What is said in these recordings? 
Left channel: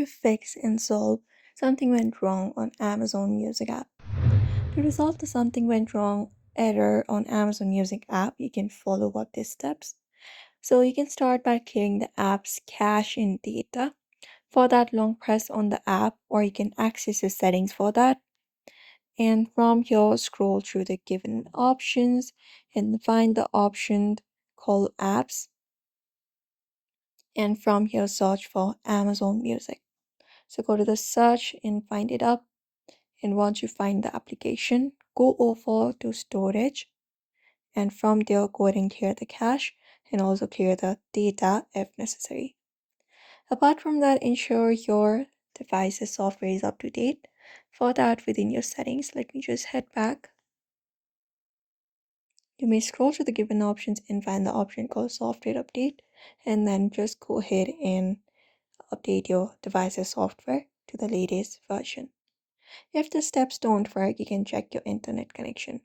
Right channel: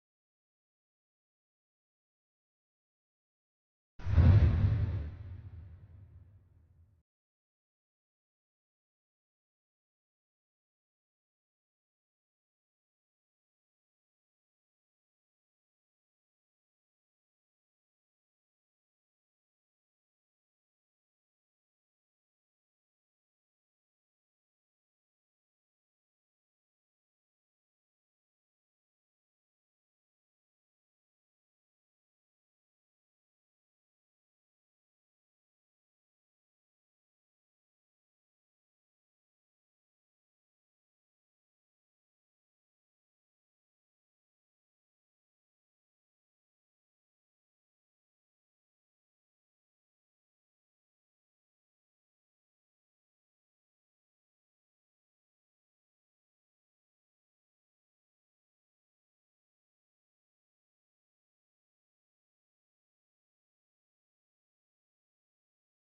to fix and solve something went wrong on Amazon Music app. To resolve the something went wrong error on Amazon Music app, you can follow up these steps. So you can start by clearing the app's cache and data. For that, long press on the app, or you can access the settings for that. And from here, scroll through the given options and find the option called apps. And from here, search for Amazon Music. So go to the search and find it up. And once you find the application, go over to storage. And from there, go ahead and clear the cache and also clear the data if necessary. Apart from that, ensure your device's software is up to date. For that, within your settings, let me just head back. You may scroll through the given options and find the option called software update, and then just go ahead and update your device's software to the latest version. If the steps don't work, you can check your internet connection.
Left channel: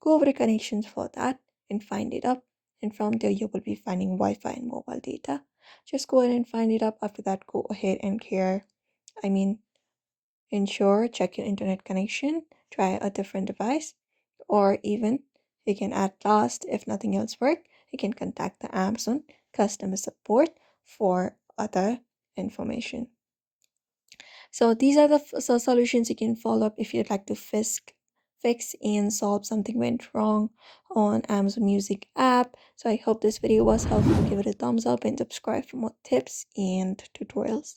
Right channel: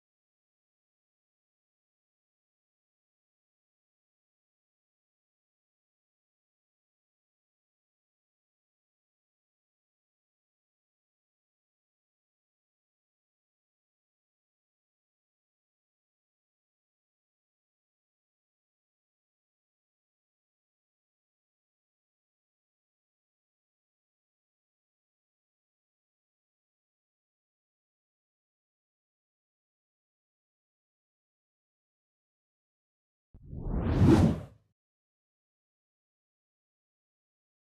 Go over the connections for that and find it up. And from there, you will be finding Wi-Fi and mobile data. Just go ahead and find it up. After that, go ahead and ensure, check your internet connection, try a different device, or even you can add last if nothing else works, you can contact the Amazon customer support for other information. So these are the solutions you can follow up if you'd like to fix and solve something went wrong on Amazon Music app. So I hope this video was helpful. Give it a thumbs up and subscribe for more tips and tutorials.